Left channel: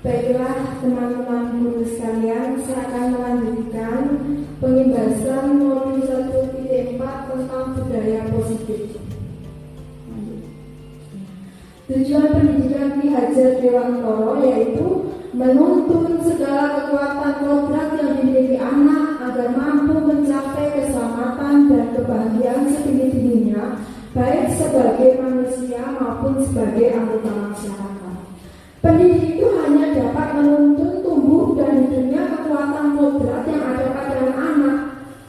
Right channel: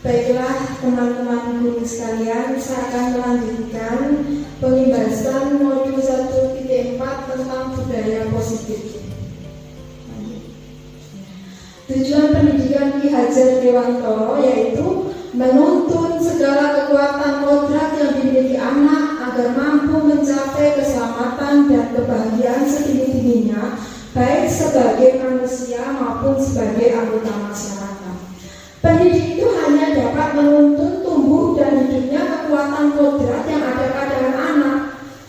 Baiklah teman-teman guru sekalian, saya akan melanjutkan pembahasan modul 1.4 tentang budaya positif. Tujuan pendidikan Ki Hajar Dewantoro yaitu menuntun segala kekuatan kodrat yang dimiliki anak agar mampu mencapai keselamatan dan kebahagiaan setinggi-tingginya, baik sebagai manusia maupun sebagai anggota masyarakat. Pendidik itu hanya dapat menuntun tumbuh dan hidupnya kekuatan kodrat yang ada pada anak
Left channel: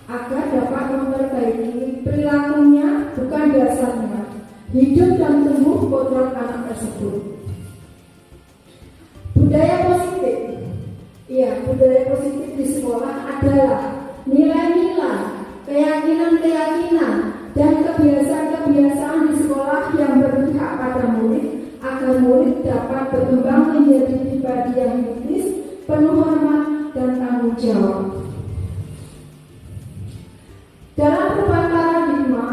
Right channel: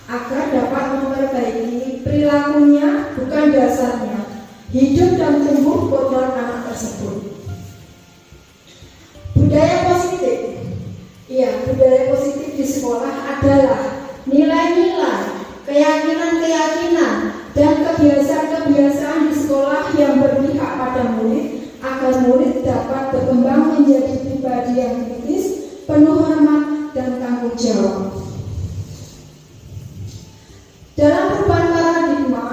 agar dapat memperbaiki perilakunya, bukan dasarnya, hidup dan tumbuh kodrat anak tersebut. Budaya positif. Budaya positif di sekolah adalah nilai-nilai, keyakinan-keyakinan, dan kebiasaan-kebiasaan di sekolah yang berpihak pada murid agar murid dapat berkembang menjadi pribadi yang kritis, penuh hormat, dan tanggung jawab. Dalam perubahan paradigma,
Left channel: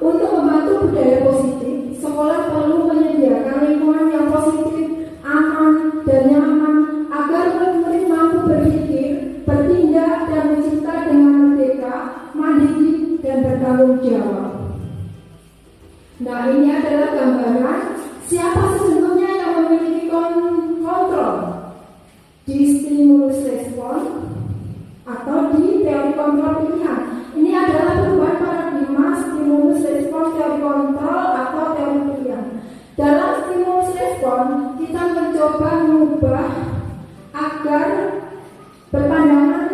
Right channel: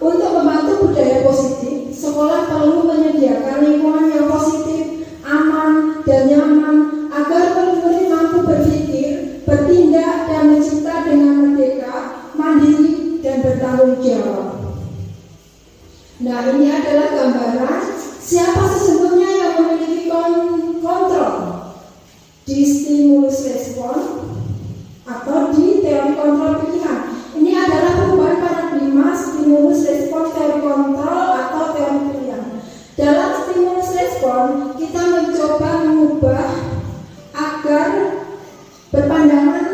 untuk membantu budaya positif, sekolah perlu menyediakan lingkungan yang positif, aman, dan nyaman agar murid-murid mampu berpikir, bertindak, dan mencipta dengan merdeka, mandiri, dan bertanggung jawab. Nah, ini adalah gambaran siapa sesungguhnya yang memiliki kontrol di stimulus respon atau di teori kontrol pilihan. Ini adalah perubahan paradigma stimulus respon teori kontrol atau teori pilihan. Dalam stimulus respon, kita mencoba mengubah agar berpandangan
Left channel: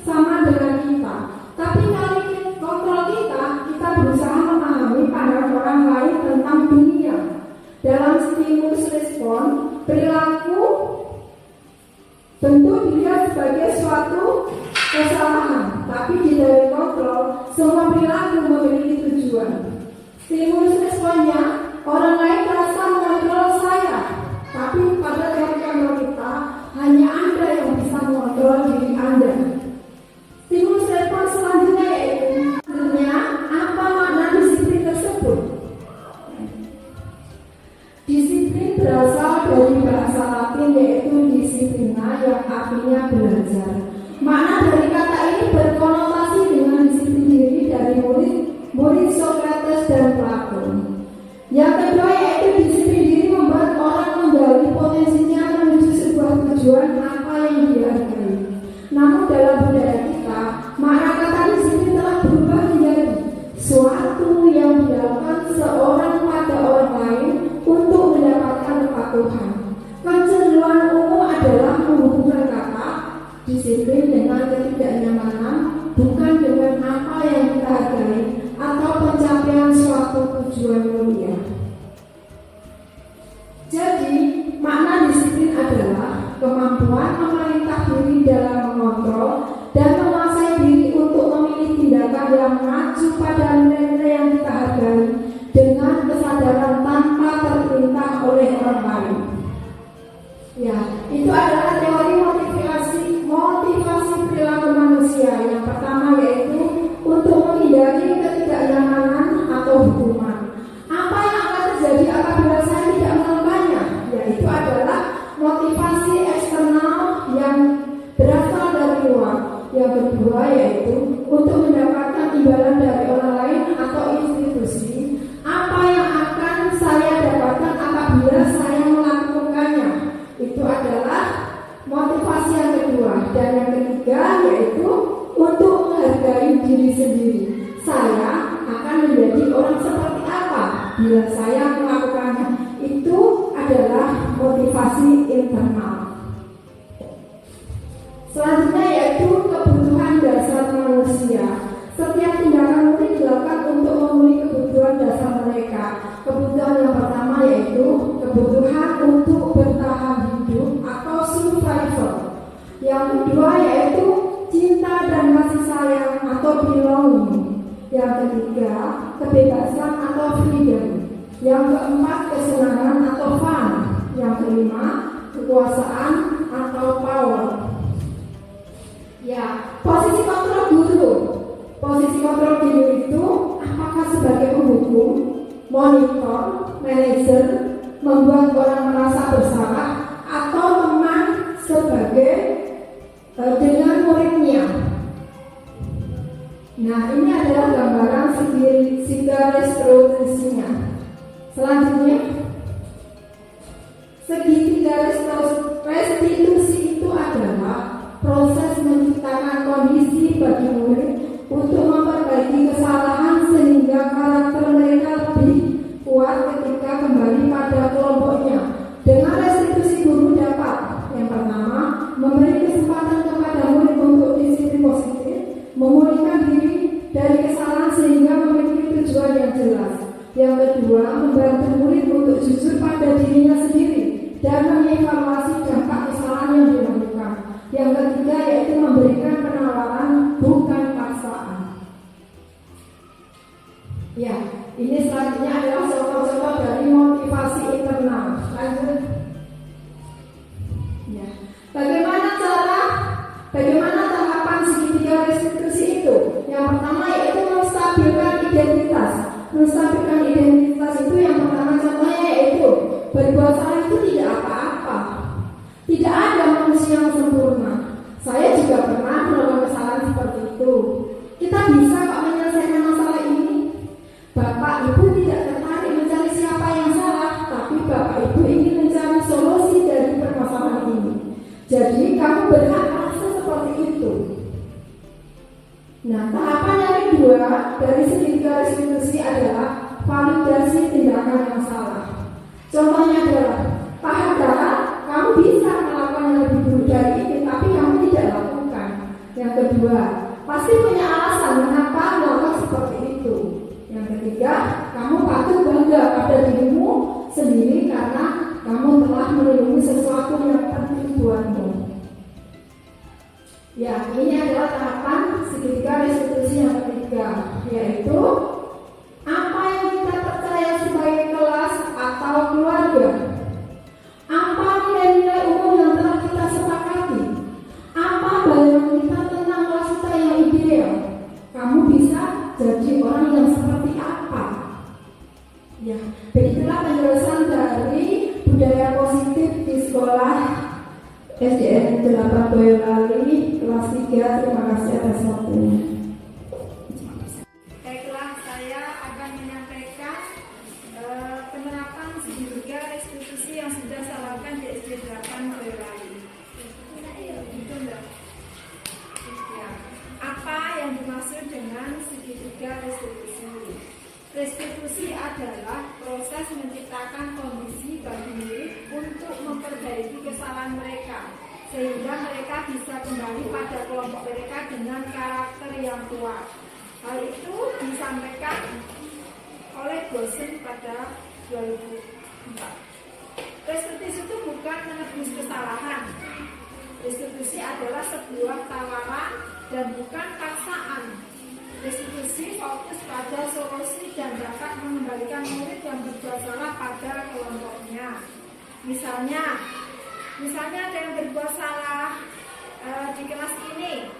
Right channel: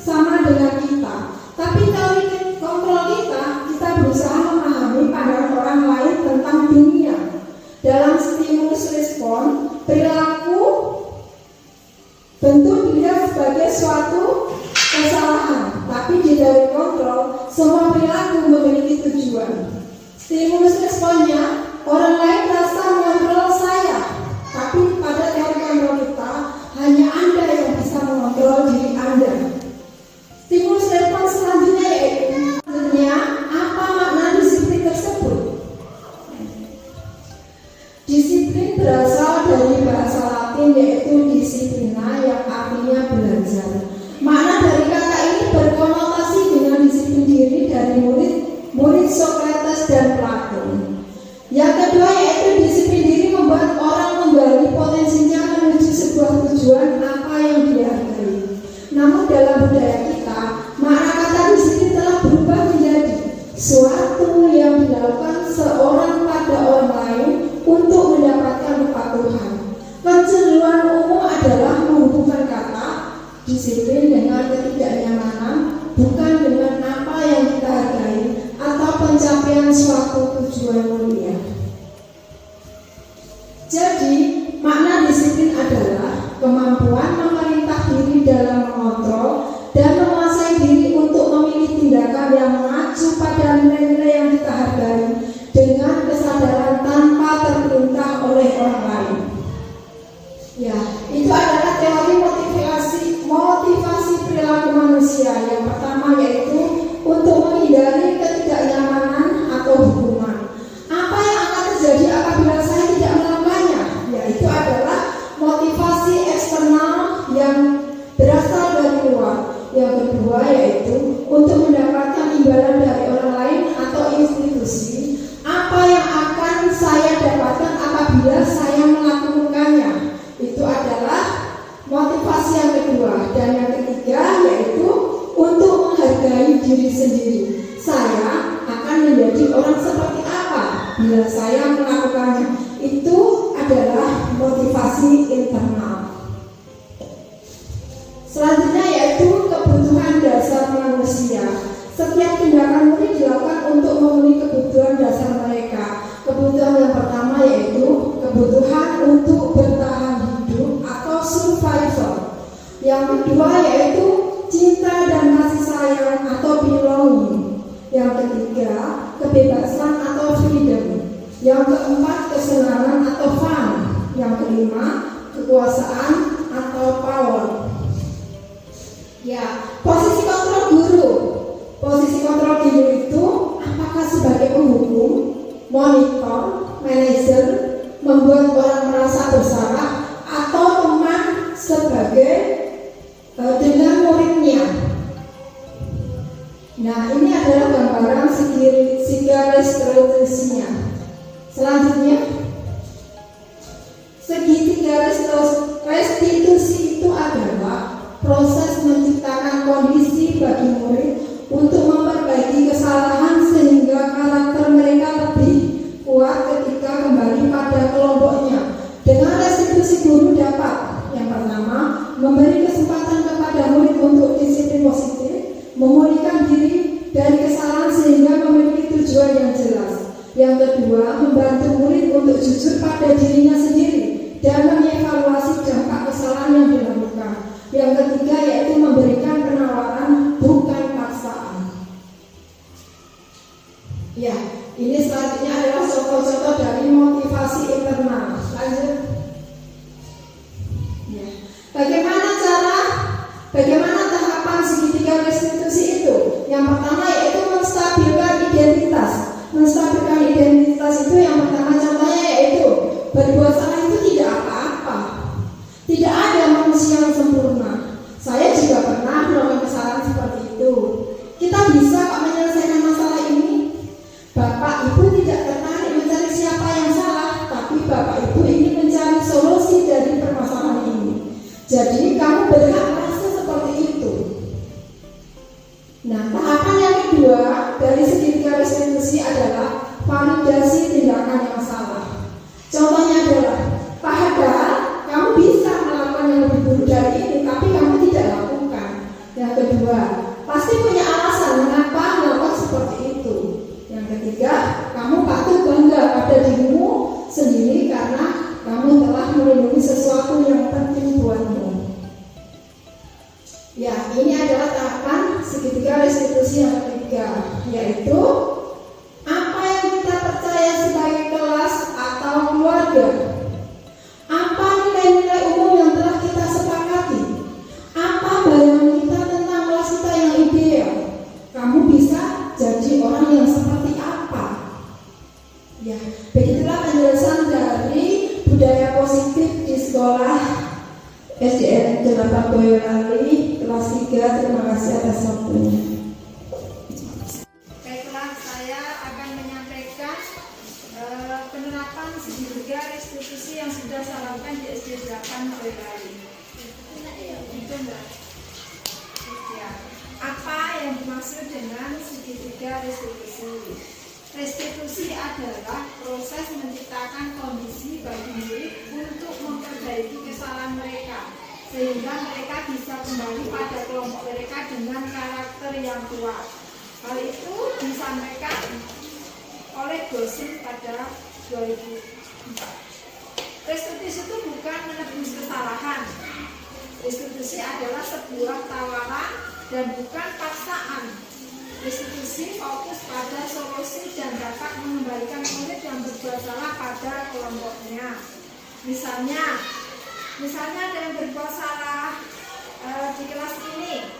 sama dengan kita. Tapi teori kontrol kita berusaha memahami pandangan orang lain tentang dunia. Dalam stimulus respon, perilaku bentuk dilihat sebagai suatu kesalahan, tapi di teori kontrol, semua perilaku memiliki tujuan. Stimulus responnya, orang lain merasa mengontrol saya, tapi pada teori kontrol kita, hanya Anda yang bisa mengontrol diri Anda. Stimulus respon selanjutnya yaitu apa makna disiplin tersebut? Disiplin berasal dari bahasa Latin yaitu disiplina yang artinya belajar. Makna dari kata ini berkonotasi dengan disiplin diri dari murid Socrates dan Plato. Yang kedua yaitu disiplin diri membuat orang menggali potensinya menuju sebuah tujuan apa yang dihargai. Namun dalam budaya kita, makna kata disiplin telah berubah menjadi suatu yang dilakukan seorang pada orang lain untuk mendapatkan kepatuhan. Kecenderungan umum adalah menghubungkan kata disiplin dengan ketidaknyamanan, bukan dengan apa yang kita hargai atau pencapaian suatu tujuan mulia. Jadi, makna disiplin adalah kemampuan memerintah diri dalam mengontrol dan menguasai diri untuk memilih tindakan yang mengacu pada nilai-nilai yang kita hargai dengan kesadaran tanpa terperintah oleh orang lain. Itu adalah teori motivasi perilaku manusia. Yang pertama yaitu untuk menghindari ketidaknyamanan atau hukuman. Apa yang akan terjadi apabila saya tidak melakukannya? Yaitu adalah motivasi eksternal yang berasal dari luar. Yang kedua yaitu untuk mendapatkan imbalan dari orang lain atau institusi. Apa yang akan saya dapatkan apabila saya melakukannya? Itu adalah motivasi yang kedua. Dan yang ketiga yaitu untuk menghargai diri sendiri. Saya akan menjadi orang seperti apa bila saya melakukannya. Itu adalah motivasi internal. Selanjutnya yaitu kebutuhan dasar manusia. Setiap tindakan murid dilakukan untuk memenuhi kebutuhan dasar mereka. Kebutuhan yang pertama yaitu kebutuhan untuk bertahan hidup atau survival. Yang kedua yaitu cinta dan kasih sayang atau belonging. Yang ketiga kebebasan atau freedom. Yang keempat kesenangan atau fun. Yang kelima kekuasaan atau power. Posisi kontrol guru. Posisi kontrol guru itu apakah sebagai penghukum, monitor, manajer, membuat orang merasa bersalah, atau teman Nah, ini adalah gambaran segitiga restitusinya. Selanjutnya, segitiga restitusi itu adalah proses menciptakan kondisi bagi murid untuk memperbaiki kesalahan sehingga karakter mereka lebih kuat ketika kembali pada kelompoknya. Dengan restitusi, guru dapat yang pertama memberi kesempatan kepada murid untuk disiplin positif, memulihkan diri dari kesalahan sehingga memiliki tujuan yang jelas. Yang kedua, membantu murid untuk jujur pada dirinya sendiri dan mengevaluasi dampak kesalahan yang dilakukan. Yang ketiga yaitu memberikan penawaran, bukan paksaan. Ya, ini selanjutnya adalah contoh-contoh dari motivasi internal. Lanjut. Ya. Bagaimana tahapan segitiga restitusi itu? Yang pertama yaitu menstabilkan identitas. Menstabilkan identitas itu yang pertama contohnya yaitu berbuat salah itu tidak apa-apa. Tidak ada manusia yang sempurna. Saya juga pernah melakukan kesalahan seperti itu. Kita bisa kok menyelesaikan masalah ini. Bapak Ibu tidak tertarik mencari siapa yang salah, tapi Bapak Ibu ingin mencari solusi dari permasalahan ini. Jadi kamu berhak merasa seperti itu. Nah, tahapan yang kedua dari segitiga restitusi adalah validasi tindakan yang salah. Contohnya adalah, padahal kamu bisa melakukan yang lebih buruk dari ini, tapi kamu tidak lakukan. Yang kedua, pasti punya alasan mengapa melakukan seperti itu. Yang ketiga, kamu patut bangga pada dirimu sendiri karena kamu telah melindungi sesuatu yang penting buatmu. Ya, ini adalah tahapan segitiga restitusi yang ketiga, yaitu apa yang kita percaya sebagai kelas atau keluarga. Apa nilai-nilai umum yang telah kita sepakati? Apa bayangan kita tentang kelas kita yang ideal? Kamu bisa jadi orang yang seperti apa? Ya, begitulah penjelasan dari budaya positif di sekolah SDN 8 Boyolali kelas 3. Terima kasih atas waktunya. Baiklah, saya akan menyampaikan penerapan segitiga restitusi yang sudah saya lakukan di SD 8 Boyolali. Gitu enggak? Ya. Apa yang dimaksud dengan segitiga restitusi? Restitusi adalah proses menciptakan kondisi bagi murid untuk memperbaiki kesalahan mereka, sehingga mereka bisa kembali pada kelompok mereka dengan karakter yang kuat. Hal itu disampaikan oleh dosen pada 2004. Restitusi itu bukan menebus kesalahan. Restitusi adalah sebuah tawaran dan bukan paksaan. Restitusi fokus pada solusi dan dapat mengembalikan murid yang berbuat salah pada kelompoknya. Misalnya ada yang berbuat salah di kelas ini,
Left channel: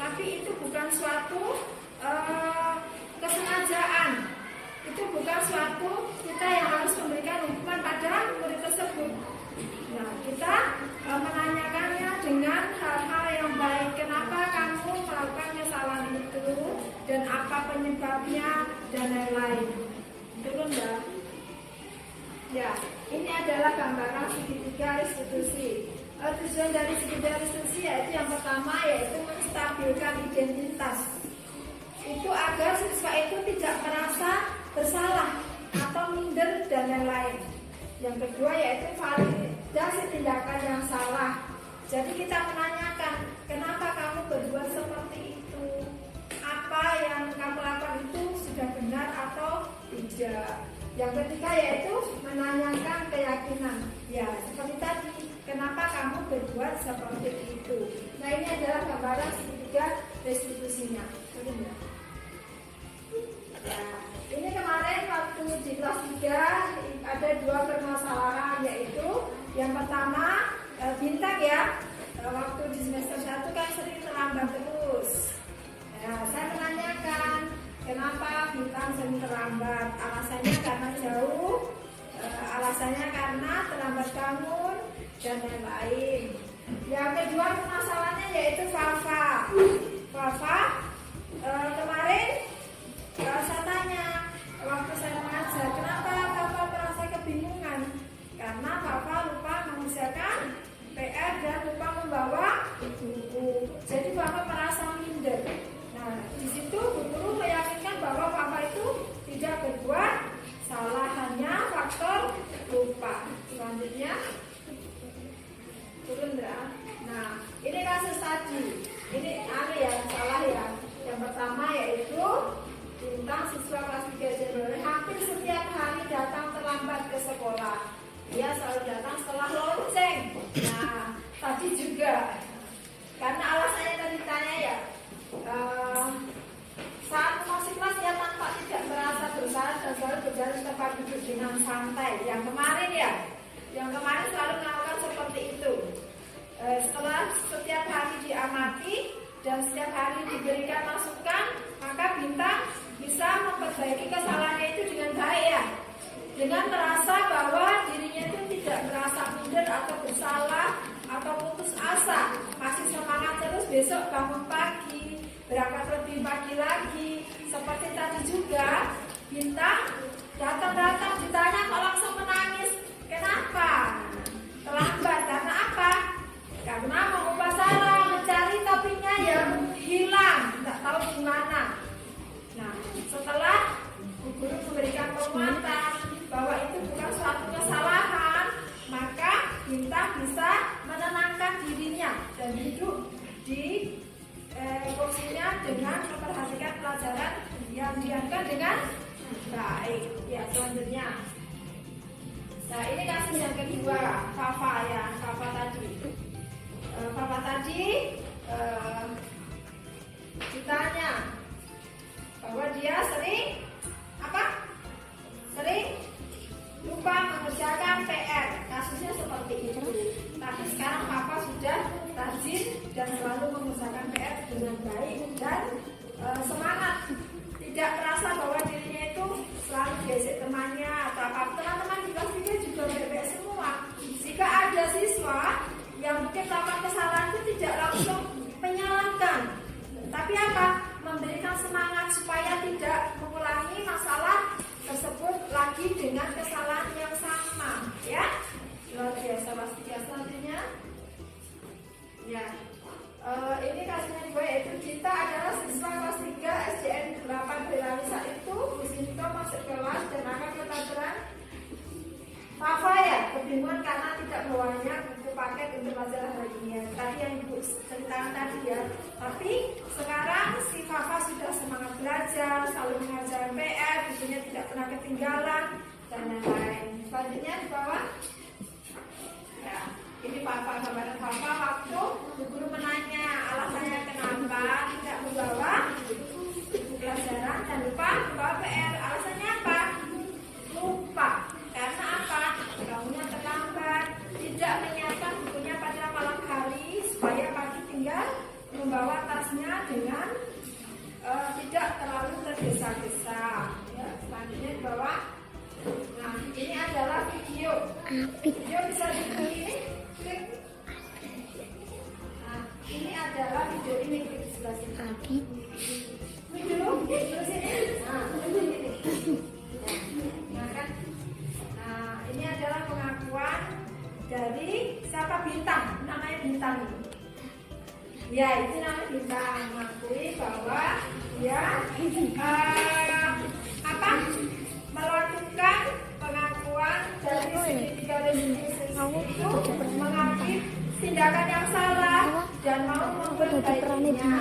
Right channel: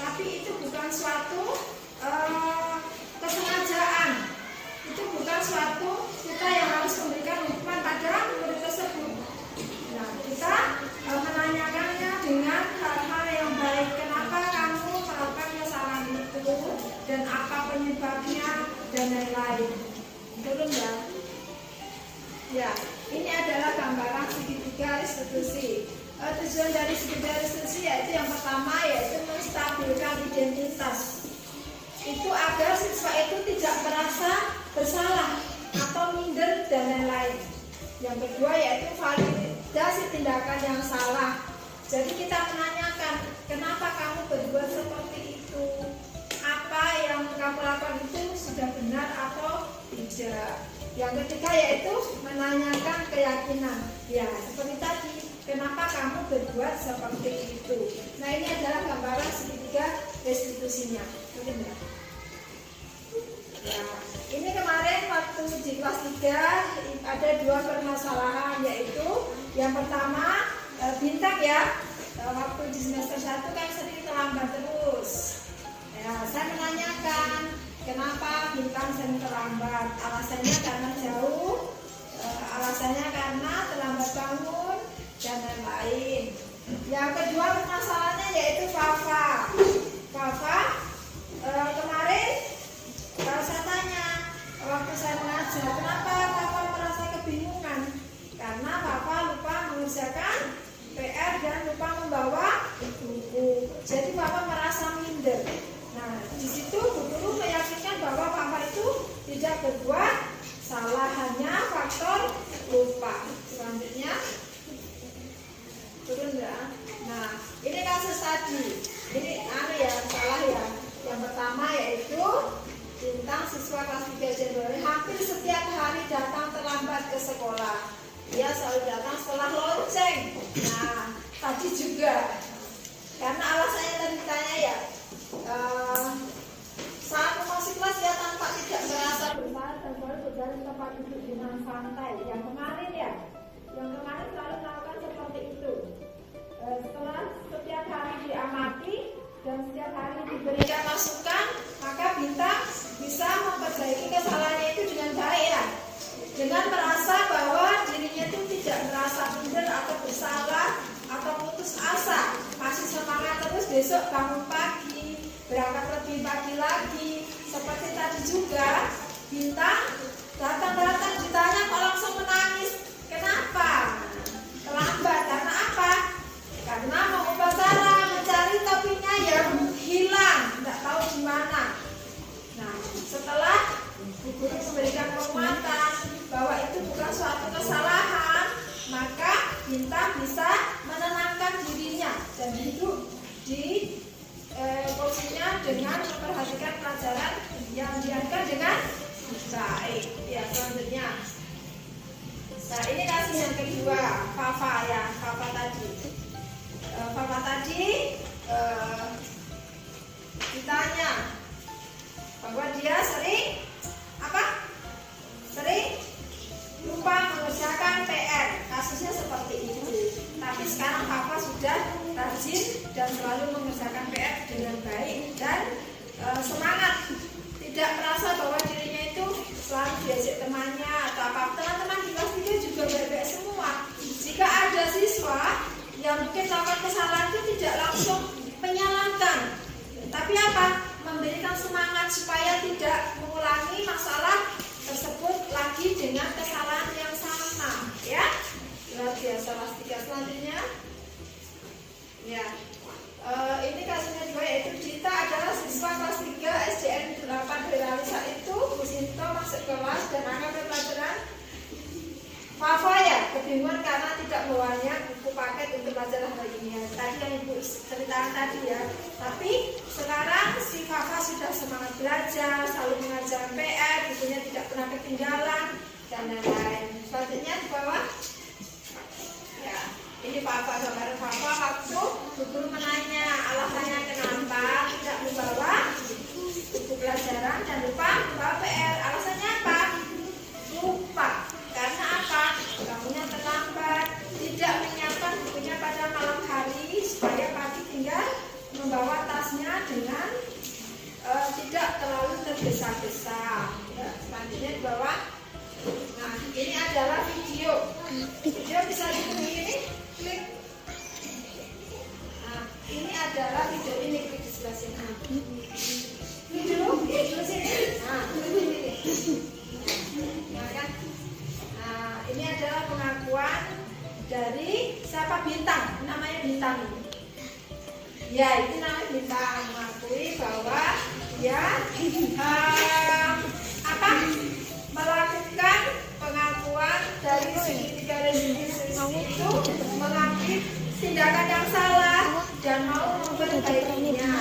tapi itu bukan suatu kesengajaan. Itu bukan suatu kita yang harus memberikan hukuman pada murid tersebut. Nah, kita menanyakannya dengan hal-hal yang baik. Kenapa kamu melakukan kesalahan itu dan apa penyebabnya dan lain-lain. Turun ya. Ya, ini adalah gambaran segitiga restitusi. Tujuan dari segitiga restitusi yaitu yang pertama yaitu menstabilkan identitas. Itu agar siswa itu tidak merasa bersalah atau minder dan lain-lain. Yang kedua yaitu validasi tindakan yang salah. Jadi kita menanyakan, kenapa kamu berbuat seperti itu? Apa yang kamu lakukan itu sudah benar atau tidak? Yang ketiga yaitu menanyakan keyakinan. Ya, seperti tadi, kenapa kamu berbuat seperti itu? Nah, ini adalah gambaran segitiga restitusinya. Benar? Ya, ini kemarin waktu di kelas 3 ada 2 permasalahan, yaitu yang pertama bintang ya, waktu di semester 1 kan sering terlambat terus. Nah, saya menanyakan kenapa bintang sering terlambat. Alasannya karena jauh, alasannya karena terlambat bangun dan lain-lain. Yang kedua permasalahannya yaitu Fafa. selalu datang setelah lonceng. Nah, tadi juga karena alasannya tadi ditanya ya, saat memasuki kelas ya tanpa tidak merasa bersalah dan selalu berjalan di tempat duduk dengan santai. Yang kemarin selalu melakukan seperti itu. Setelah setiap hari diamati dan setiap hari diberikan masukan, maka Bintang bisa memperbaiki kesalahannya itu dengan baik ya, dengan merasa bahwa dirinya itu tidak merasa minder atau bersalah atau putus asa, masih semangat terus besok bangun pagi, berangkat lebih pagi lagi. Seperti tadi juga Bintang datang ditanya kok langsung menangis, kenapa? Terlambat karena apa? Karena mau upacara mencari topinya yang hilang, nggak tahu di mana. Nah, setelah guru memberikan penguatan bahwa itu bukan suatu kesalahan, maka Bintang bisa menenangkan dirinya dan duduk di kursinya dengan memperhatikan pelajaran yang diajarkan dengan baik. Ya, selanjutnya. Nah, ini kasus yang kedua, Fafa ya, Fafa tadi. Fafa tadi ditanya bahwa dia sering lupa mengerjakan PR. Kasusnya seperti itu. Tapi sekarang Fafa sudah rajin dan selalu mengerjakan PR dengan baik dan semangat. Tidak merasa bahwa dirinya itu selalu diajak temannya atau apa. Teman-teman di kelas dia juga baik-baik semua. Jika ada siswa yang mungkin melakukan kesalahan itu tidak langsung menyalahkan, tapi memberikan semangat supaya tidak mengulangi masalah tersebut lagi dengan kesalahan yang sama, ya. Luar biasa. Kelas 3 selanjutnya, ya. Ini kasusnya juga yaitu Dita adalah siswa kelas 3 SDN 8 Boyolali. Saat itu Bu Sinto masuk kelas dan akan pelajaran. Fafa ya kebingungan karena tidak bawanya buku paket untuk pelajaran baginya. Tadi yang Ibu ceritakan tadi ya. Tapi sekarang si Fafa sudah semangat belajar, selalu mengajar PR, bukunya tidak pernah ketinggalan dan lain-lain. Selanjutnya di bawah. Ya, ini Fafa, gambaran Fafa waktu guru menanya alasannya kenapa tidak membawa buku pelajaran dan lupa membawa PR. Alasannya apa? Lupa. Karena apa? Bangunnya terlambat, tidak menyiapkan bukunya pada malam hari supaya pagi tinggal membawa tasnya dengan tidak terlalu tergesa-gesa. Ya, selanjutnya di bawah. Nah, ini adalah video. Video bisa diklik ini, klik. Nah, ini adalah video ini, klik di sebelah sini. Video di sini. Nah, ini. Nah, kan? Ini adalah pengakuan dari siapa? Bintang, namanya Bintang ini. Ya, ini namanya Bintang, mengakui bahwa dia melakukan pengakuan dari segitiga restitusi itu mengakui tindakan yang salah dan mau memperbaikinya.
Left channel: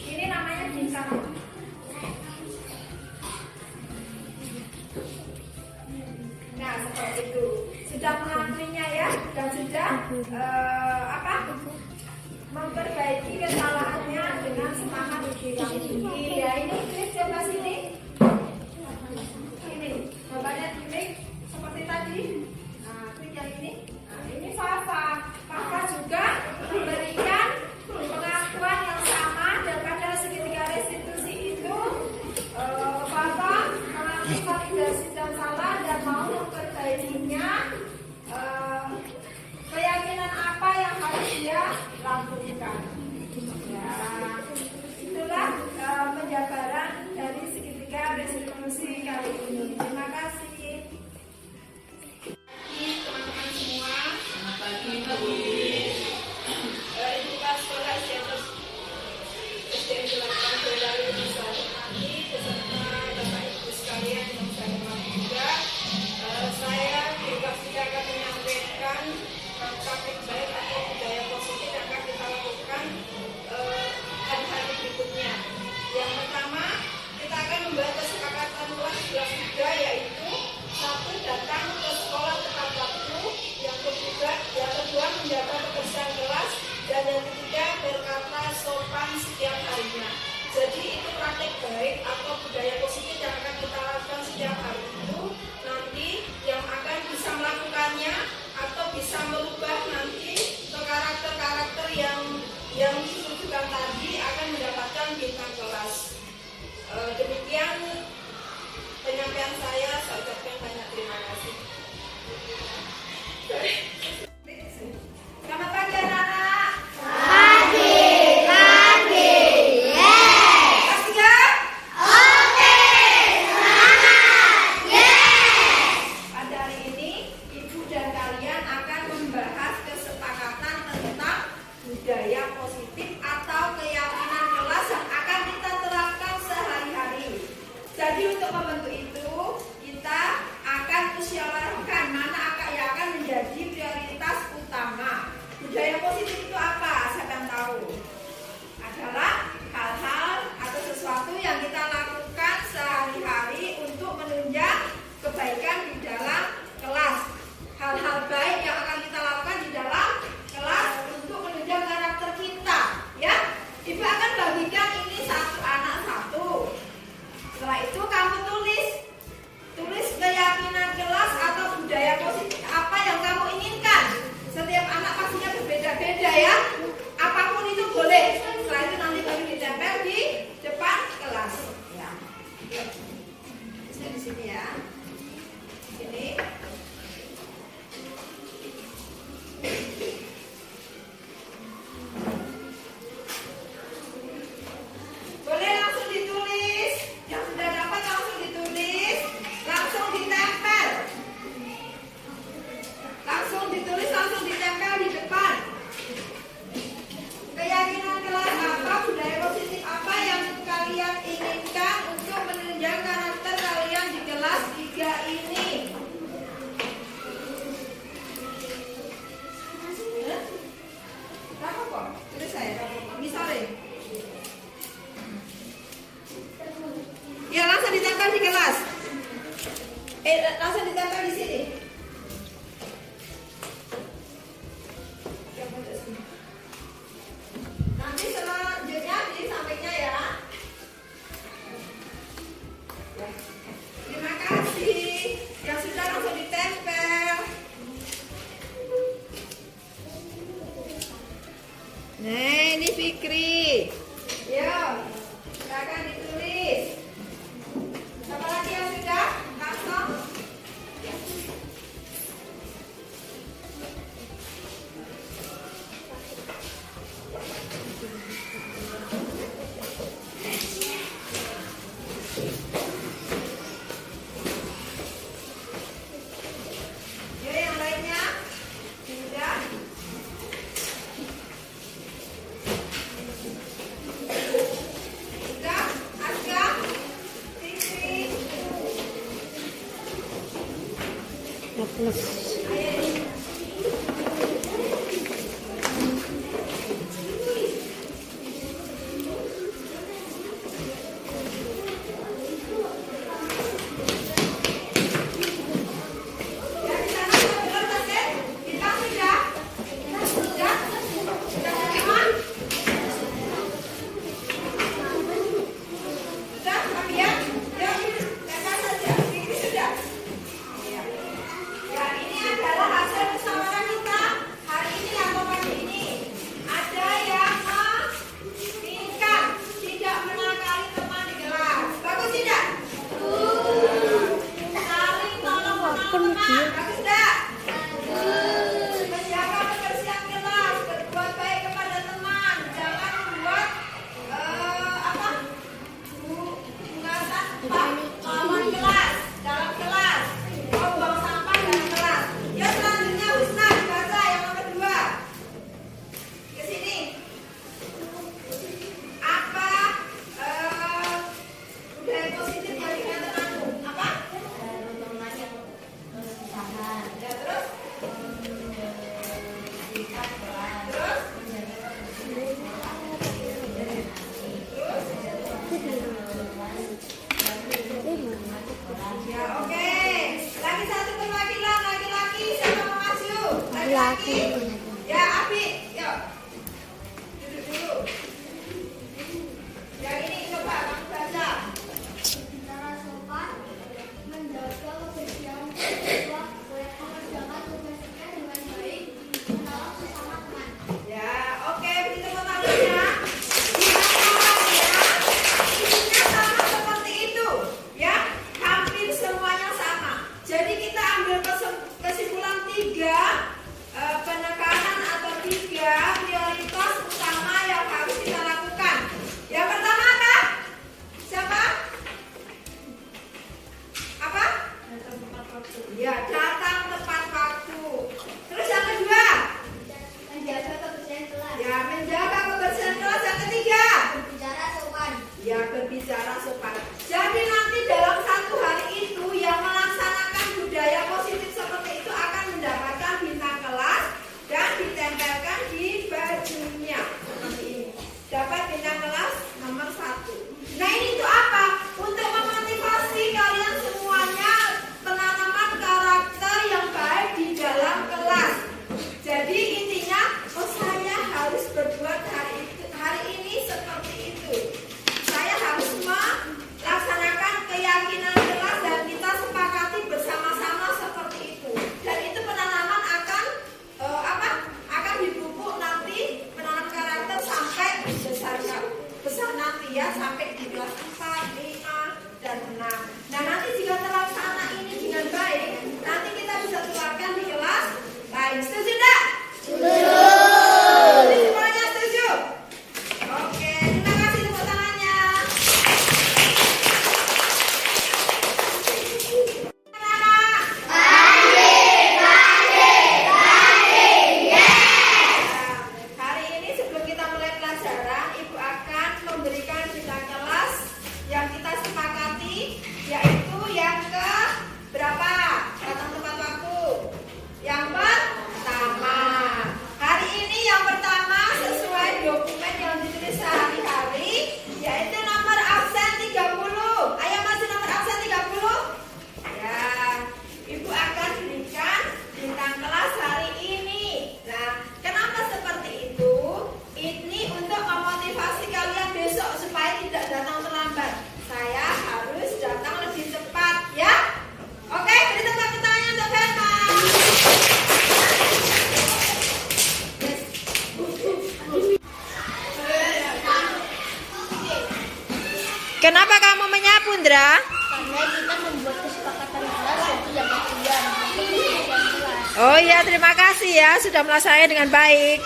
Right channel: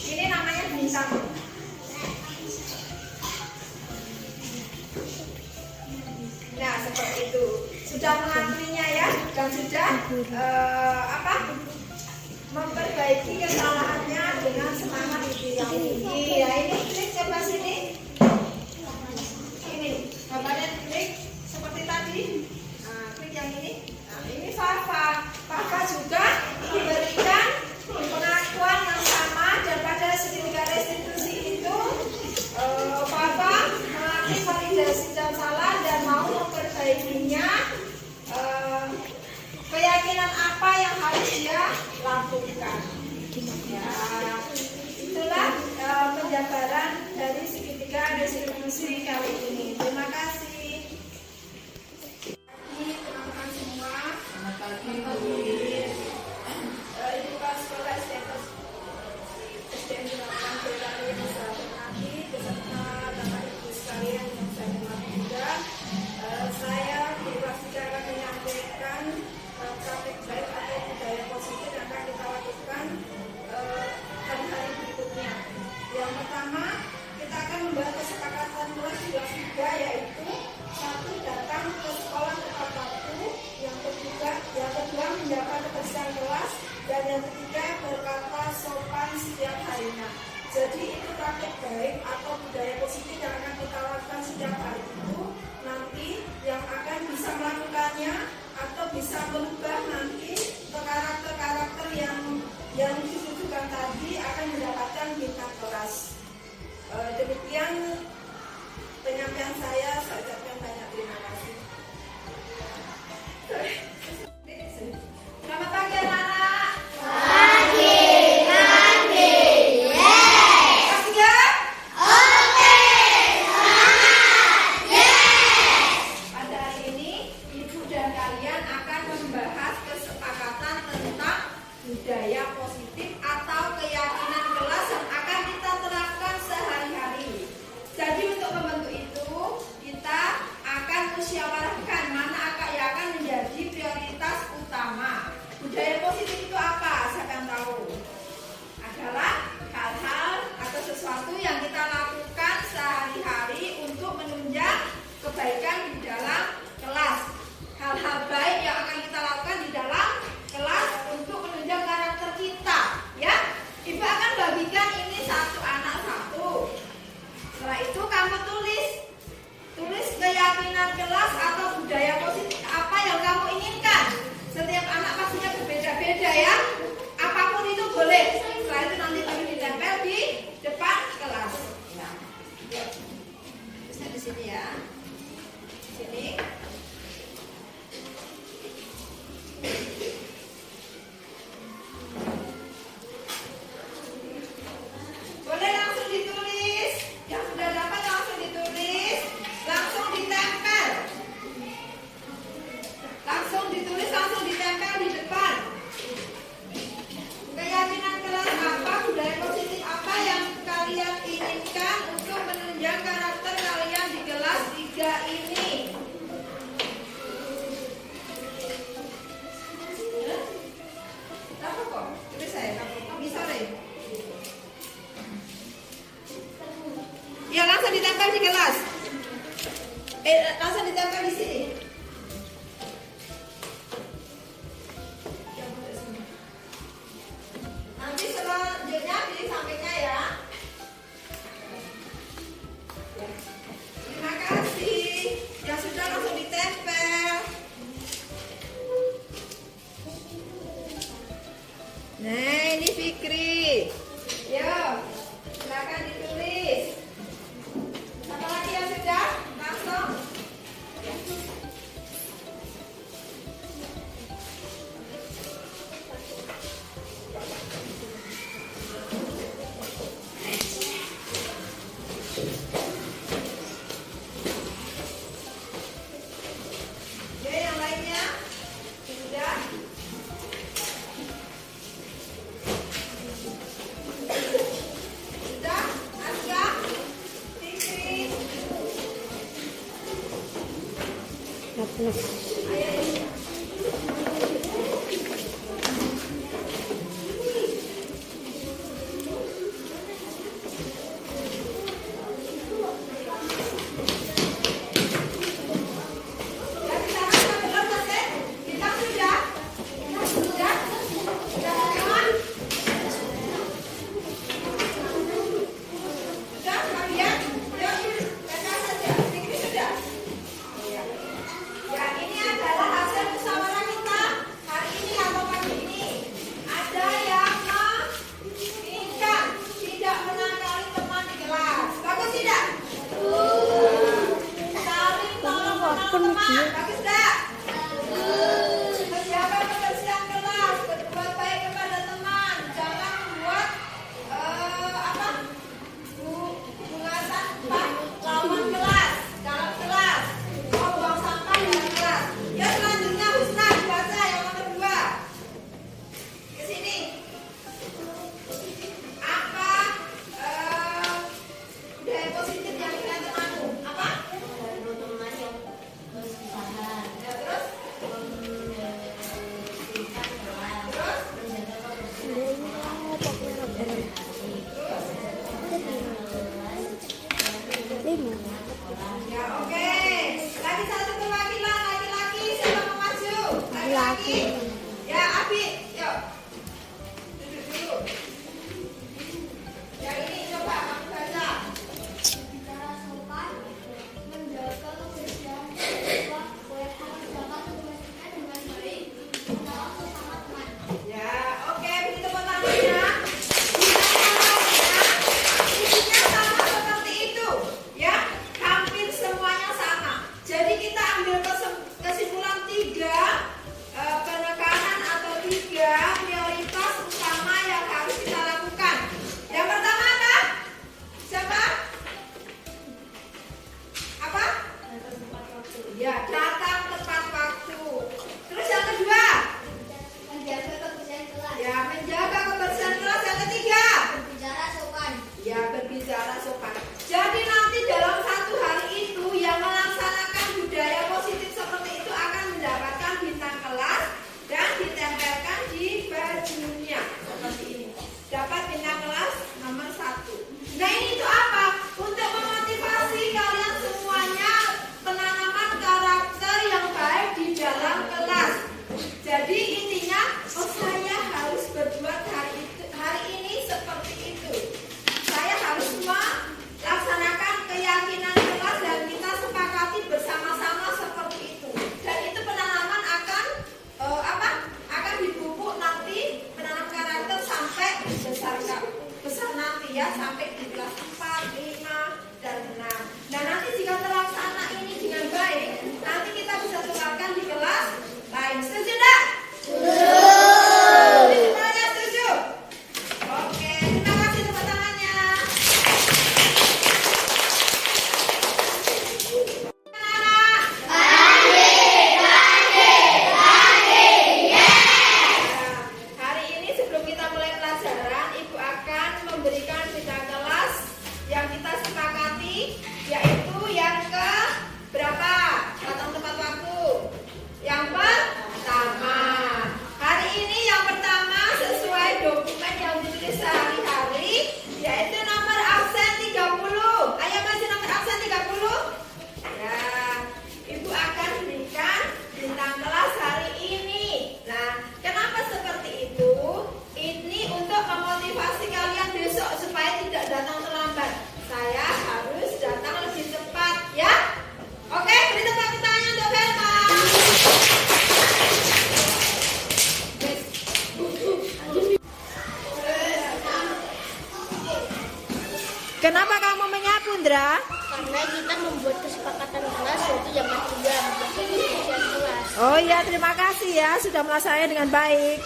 Ini namanya Bintang. Nah, seperti itu. Sudah mengakuinya ya, dan sudah memperbaiki kesalahannya dengan semangat yang tinggi. Ya, ini klik coba sini. Ini gambarnya klik seperti tadi. Nah, klik yang ini. Nah, ini Fafa. Fafa juga memberikan pengakuan yang sama dan pada segitiga restitusi itu Fafa mengakui validasi dan salah dan mau memperbaikinya. Keyakinan apa yang harus dia lakukan. Ya, itulah penjabaran dari segitiga restitusi kali ini. Terima kasih. Teman-teman semua. Dan yang ketiga, berkata sopan setiap harinya. Jadi itu praktek baik atau budaya positif yang akan kita lakukan setiap hari itu. Nanti yang akan bisa melakukannya atau bisa merubah nanti ke karakter-karakter yang ditujukan tadi akan mendapatkan bintang kelas. Demikian penyampaian saya ucapkan banyak terima kasih. Selamat pagi anak-anak. Budaya positif atau keyakinan kelas yang akan kita terapkan sehari-hari. Jadi untuk membentuk itu kita akan musyawarahkan mana yang akan menjadi prioritas utama. Budaya positif itu apa? Saya akan tahu. Adalah hal-hal atau sesuatu yang kita lakukan sehari-hari untuk menunjang kebaikan di dalam kelas. Hal-hal baik yang akan kita lakukan di dalam kelas untuk menunjang karakter kita, ya. Ibu akan bagikan ini satu anak satu. Setelah itu kamu tulis keyakinan kelas atau budaya positif apa yang kamu inginkan. Setiap anak pastinya berbeda-beda, ya. Apapun itu boleh. Setelah itu nanti baru ditempel di depan kelas. Ya. Bisa di sini ya. Sini. Boleh langsung ditulis. Yang sudah dapat langsung ditulis. Langsung ditempel. Langsung ditulis, langsung ditempel di depan. Keyakinan kelas apa, budaya positif apa yang kalian inginkan untuk menunjang karakter kalian di kelas 3 ini. Tahu kok? Tulis saya. Misalnya. Ya, langsung ditempel di kelas. Langsung ditempel di sini. Nanti selanjutnya di sampingnya ya. Terima kasih. Yang sudah langsung ditempel. Nah, ini Fikri. Yo, silakan ditulis. Apa lagi yang sudah? Langsung. Ya, yang lainnya sudah. Sudah, Aska, Fikri. Ya, di sana sudah sampai. Kita sudah. Sudah. Sudah semua. Sudah, kalian. Ya, kakak saja. Fikri sudah. Ya, ini adalah hasil musyawarah kita hari ini atau pagi ini. Ada yang menginginkan tidak menakali teman di kelas. Bagus tidak? Saling tolong menolong teman. Bagus tidak? Menjaga kebersihan kelas, berbuat baik kepada teman. Jangan membuat bulatan lawan kelas dalam kelas. Buang sampah dalam kelas. Ya, selanjutnya Husna baca yang nomor 2. Ke sini. Apa budaya positif yang ingin temanmu? Apa? Ya, terus? Ya, oke. Lagi satu perwakilan laki-laki, siapa mau maju? Laki-laki. Ya, Abi, yuk. prioritas utama yang harus kita lakukan. Yang pertama apa? Siapa? Apa? Ya, datang tepat waktu. Terus yang kedua? Menjaga kebersihan kelas. Ya, menjaga kebersihan kelas. Yang ketiga? Berbicara sopan. Ya, berbicara sopan. Jadi nanti dalam satu hari itu yang melaksanakan budaya positif seperti itu akan mendapatkan bintang kelas dan ditempelkan di bajunya seperti ini. Dapat bintang kelas nomor 1. Nah, ini itu apa? Untuk memotivasi kalian semuanya penanaman karakter yang baik di dalam kelas. Jadi intinya, saya harus berbuat hari ini seperti itu. Saya harus melaksanakan keyakinan kelas dan kita sepakati bersama-sama seperti itu. Dan itu penanaman akan akan dipupuk nanti menanam karakter sampai besar nanti ya, sampai di kelas 4, 5, dan 6. Nah, nanti jika terlaksana ini dengan baik, nanti kita bisa keluarkan di kelas lain. Setuju enggak? Setuju. Semuanya setuju? Oke, terima kasih tepuk tangannya. Hari ini sebelum kita mulai pelajaran, Ibu akan memberikan bintang kelas yang kita sepakati, yaitu yang ke berapa? Datang tepat waktu. Yang pertama. Hari ini yang pertama sesuai dokumen yang ditulis sehari-hari, yaitu nomor absen 30. Ayo masih nomor absen 30? Ya, Ibu akan berikan bintang kelas hari ini. Nah, kenapa seperti itu? Ini untuk memotivasi kalian besok supaya tidak datang terlambat. Saya harus datang lebih cepat, ya? Oke, beri tepuk tangannya untuk Velma. Kenapa kamu menyapu, Ndra? Karena kita membuat kesepakatan kelas suatu yang kemudian kebersihan kelas. Oh iya, terima kasih ya sudah melaksanakannya dengan baik.